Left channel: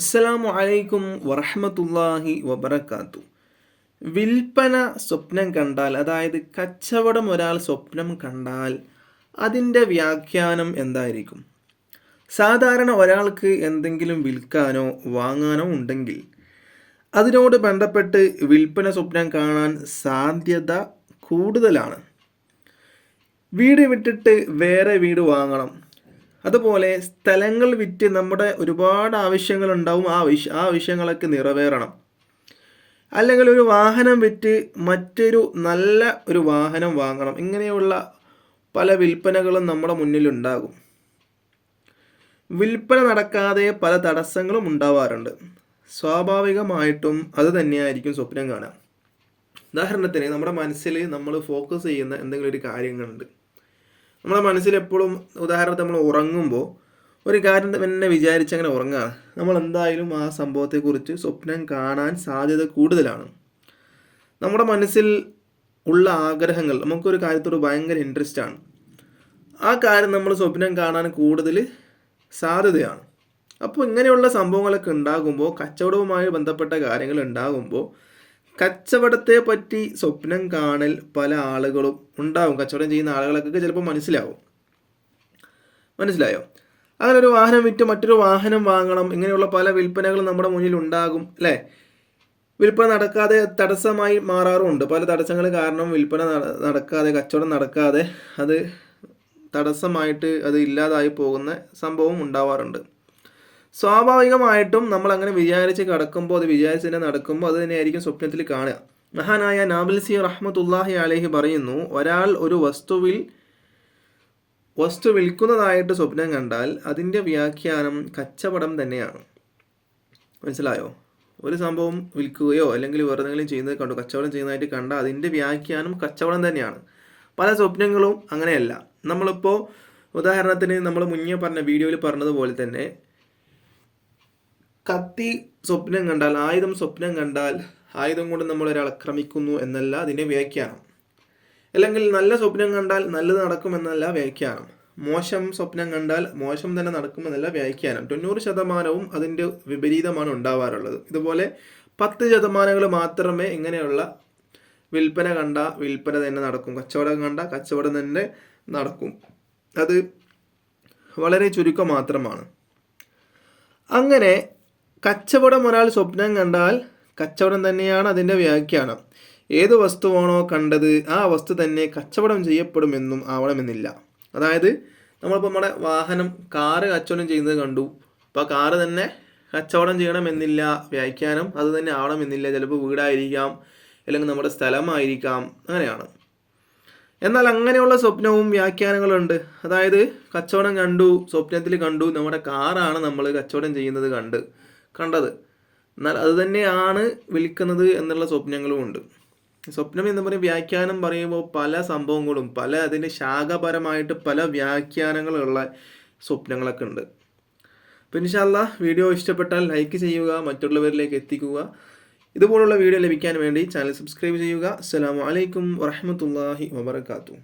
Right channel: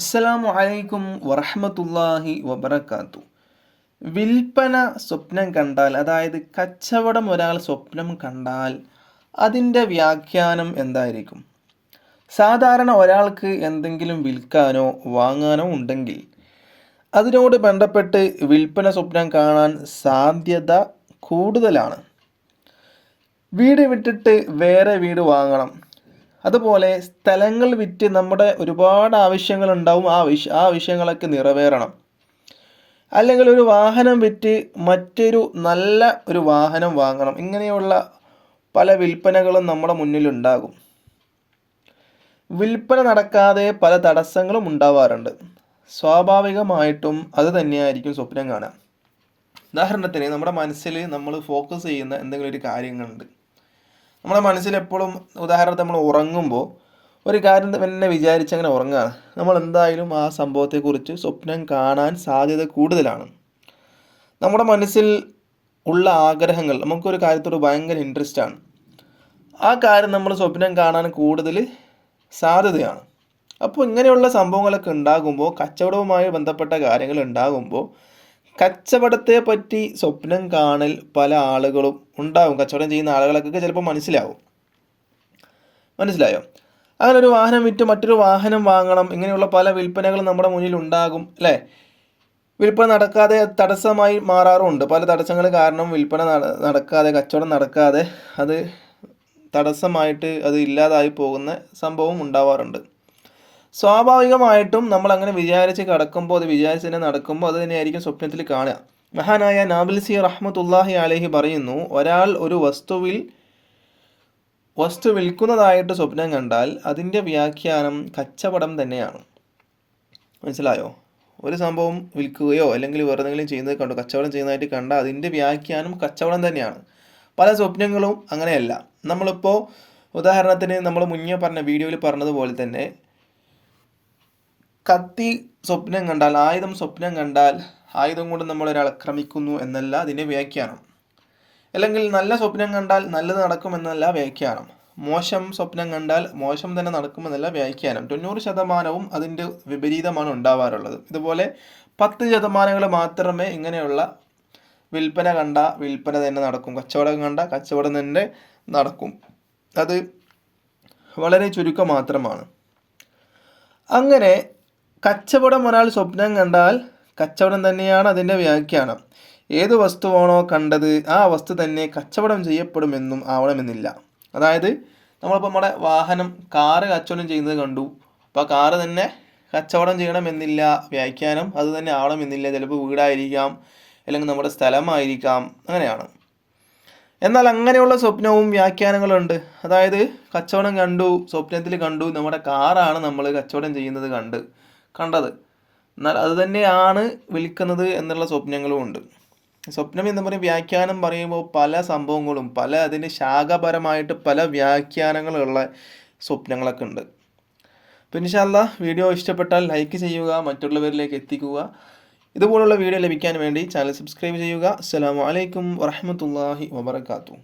അസ്സലാമു അലൈക്കും വറഹ്മത്തുള്ളാഹി വബറകാതുഹു. വിൽപ്പന സ്വപ്നം കണ്ടാൽ, അതായത് കച്ചവടം ഒരാൾ സ്വപ്നം കണ്ടാൽ അതിൻ്റെ വ്യാഖ്യാനം എന്തായിരിക്കും? സാധാരണ ഒരാൾക്ക് എന്തെങ്കിലും വിൽക്കാനോ വാങ്ങാനോ ഉണ്ടെങ്കിൽ അതിനോട് ബന്ധപ്പെട്ട് വിൽപ്പന സ്വപ്നം കാണാൻ സാധ്യത കൂടുതലാണ്. വീട് വിട്ടിട്ട് വേറെ വീട് വാങ്ങണം, അതുപോലെ സ്ഥലങ്ങൾ വിറ്റ് നമ്മുടെ ഒരുപാട് ആവശ്യങ്ങളുണ്ടാവും, ആ ആവശ്യങ്ങളൊക്കെ നിറവേറണം. അല്ലെങ്കിൽ ഒരു വാഹനം വിറ്റ് മറ്റൊരു നല്ല ഒരു വാഹനം വാങ്ങണം. ഇങ്ങനെയുള്ള പല വിൽപ്പനകളും നമ്മുടെ മുന്നിലുണ്ടാകും. വിൽപ്പന നടക്കാതെ പല തടസ്സങ്ങളും ഉണ്ടാവാറുണ്ട്. സ്വാഭാവികമായിട്ടും അത് തന്നെയായിരിക്കും സ്വപ്നം കാണാം. ഉദാഹരണത്തിന്, നമ്മുടെ മനസ്സിൽ നമ്മൾ ഫോക്കസ് ചെയ്യുന്ന എന്തെങ്കിലും ഒരു കാര്യങ്ങളുണ്ട്. നമ്മുടെ മനസ്സിൽ എപ്പോഴും, ഉദാഹരണത്തിന് നമ്മൾ ഉറങ്ങുമ്പോൾ ഒരു കാര്യം തന്നെ വിചാരിച്ചങ്ങനെ ഉറങ്ങുകയാണ്, നമ്മൾ എന്തായാലും ആ സംഭവത്തെക്കുറിച്ച് സ്വപ്നം കാണാൻ സാധ്യത കൂടുതലാണ്. നമ്മുടെ മനസ്സിൽ ഉള്ള ആഗ്രഹങ്ങൾ, നമുക്കൊരു കാര്യത്തോട് ഭയങ്കര ഇൻട്രസ്റ്റ് ആണ്, ആ കാര്യം നമ്മൾ സ്വപ്നം കാണാൻ കൂടുതൽ സാധ്യതയാണ്. അപ്പോൾ ഇങ്ങനെയുള്ള സംഭവങ്ങളൊക്കെ ഉണ്ടാകുമ്പോൾ, കച്ചവടവുമായി ബന്ധപ്പെട്ട കാര്യങ്ങൾ ഉണ്ടാകുമ്പോൾ കച്ചവടത്തെ പറ്റി സ്വപ്നം കാണൽ പല ആളുകളും ഉണ്ടാകും. കച്ചവടം ചെയ്യുന്ന ആളുകൾക്കൊക്കെ ചിലപ്പോൾ മനസ്സിലായോ? അങ്ങനെ ഒരു വാഹനം വിറ്റ് മറ്റൊരു വാഹനം വാങ്ങണം, ഇങ്ങനെയുള്ള പല വിൽപ്പനകളും നമ്മുടെ മുന്നിൽ ഉണ്ടാകും, അല്ലേ? വിൽപ്പന നടക്കാതെ തടസ്സമായി മാറാറുമുണ്ട്. പല തടസ്സങ്ങൾ കാരണം വിൽപ്പന നടക്കാതെ, കച്ചവടം നടക്കാതെ അത് തടസ്സമായിട്ട് അത് ഇല്ലാതായി പോകുന്ന സംഭവം ഉണ്ടാവാറുണ്ട്. സ്വാഭാവികമായിട്ടും നമ്മൾ അങ്ങനെ വിചാരിച്ച് കിടക്കുമ്പോൾ, അത് വിചാരിച്ച് തന്നെ നടക്കുമ്പോൾ അത് തന്നെയായിരിക്കും സ്വപ്നത്തിൽ കാണുക. മഹാനായ നാബിൽസി റഹ്മത്തുള്ളാഹി അലൈഹി പറയുന്നു, ഒരാൾ ഒരു വസ്തു വിൽക്കുന്നതായിട്ട് സ്വപ്നം കണ്ടാൽ അതിൻ്റെ വ്യാഖ്യാനം കച്ചവടം തന്നെയാണ്. മനസ്സിലായോ? ഒരു സംഭവം വിൽക്കുകയോ അല്ലെങ്കിൽ വേറെ എന്തെങ്കിലും ചെയ്യുന്നത് കണ്ടു, കച്ചവടം ചെയ്യുന്നതായിട്ട് കണ്ടാൽ അതിൻ്റെ വ്യാഖ്യാനം കച്ചവടം തന്നെയാണ്. പല സ്വപ്നങ്ങളും അങ്ങനെയല്ല. നമ്മളിപ്പോൾ ഉദാഹരണത്തിന് നമ്മൾ മുന്നേ പറഞ്ഞ വീഡിയോയിൽ പറഞ്ഞതുപോലെ തന്നെ, കത്തി സ്വപ്നം കണ്ടാൽ, ആയുധം സ്വപ്നം കണ്ടാൽ ആയുധം കൊണ്ട് നമ്മൾ ഒരാളെ ആക്രമിക്കുന്നു എന്നല്ല അതിൻ്റെ വ്യാഖ്യാനം. അല്ലെങ്കിൽ നല്ല സ്വപ്നം കണ്ടാൽ നല്ലത് നടക്കുമെന്നല്ല വ്യാഖ്യാനം. മോശം സ്വപ്നം കണ്ടാൽ മോശം തന്നെ നടക്കുമെന്നല്ല വ്യാഖ്യാനം. 90% അതിൻ്റെ വിപരീതമാണ് ഉണ്ടാവാറുള്ളത്. ഇതുപോലെ 10% മാത്രമേ ഇങ്ങനെയുള്ള വിൽപ്പന കണ്ട വിൽപ്പന തന്നെ നടക്കും, കച്ചവടം കണ്ട കച്ചവടം തന്നെ നടക്കും. അത് വളരെ ചുരുക്കം മാത്രമാണ്. അങ്ങനെ കച്ചവടം ഒരാൾ സ്വപ്നം കണ്ടാൽ കച്ചവടം തന്നെയാണ് അതിൻ്റെ വ്യാഖ്യാനം. ഏത് വസ്തുവാണോ കണ്ടത് ആ വസ്തു തന്നെ കച്ചവടം ചെയ്യപ്പെടുമെന്നും ആവണമെന്നില്ല. അതായത് നമ്മളിപ്പോൾ നമ്മുടെ വാഹനം, കാറ് കച്ചവടം ചെയ്യുന്നത് കണ്ടു, അപ്പോൾ ആ കാറ് തന്നെ കച്ചവടം ചെയ്യണമെന്നില്ല വ്യാഖ്യാനം, അത് തന്നെ ആവണമെന്നില്ല. ചിലപ്പോൾ വീടായിരിക്കാം, അല്ലെങ്കിൽ നമ്മുടെ സ്ഥലമായിരിക്കാം, അങ്ങനെയാണ്. എന്നാൽ അങ്ങനെയുള്ള സ്വപ്നവും വ്യാഖ്യാനങ്ങളുണ്ട്. അതായത് കച്ചവടം കണ്ടു, സ്വപ്നത്തിൽ കണ്ടു നമ്മുടെ കാറാണ് നമ്മൾ കച്ചവടം ചെയ്യുന്നത് കണ്ടത്, എന്നാൽ അത് തന്നെയാണ് വിൽക്കുന്നത് എന്നുള്ള സ്വപ്നങ്ങളും ഉണ്ട്. സ്വപ്നം എന്ന് പറയുന്ന വ്യാഖ്യാനം പറയുമ്പോൾ പല സംഭവങ്ങളും, അതിന് ശാഖാപരമായിട്ട് പല വ്യാഖ്യാനങ്ങളുള്ള സ്വപ്നങ്ങളൊക്കെ ഉണ്ട്. അപ്പോൾ ഇൻഷാ അല്ലാഹ് വീഡിയോ ഇഷ്ടപ്പെട്ടാൽ ലൈക്ക് ചെയ്യുക, മറ്റുള്ളവരിലേക്ക് എത്തിക്കുക. ഇതുപോലുള്ള വീഡിയോ ലഭിക്കാൻ വേണ്ടി ചാനൽ സബ്സ്ക്രൈബ് ചെയ്യുക. അസ്സലാമു അലൈക്കും വറഹ്മത്തുള്ളാഹി വബറകാതുഹു.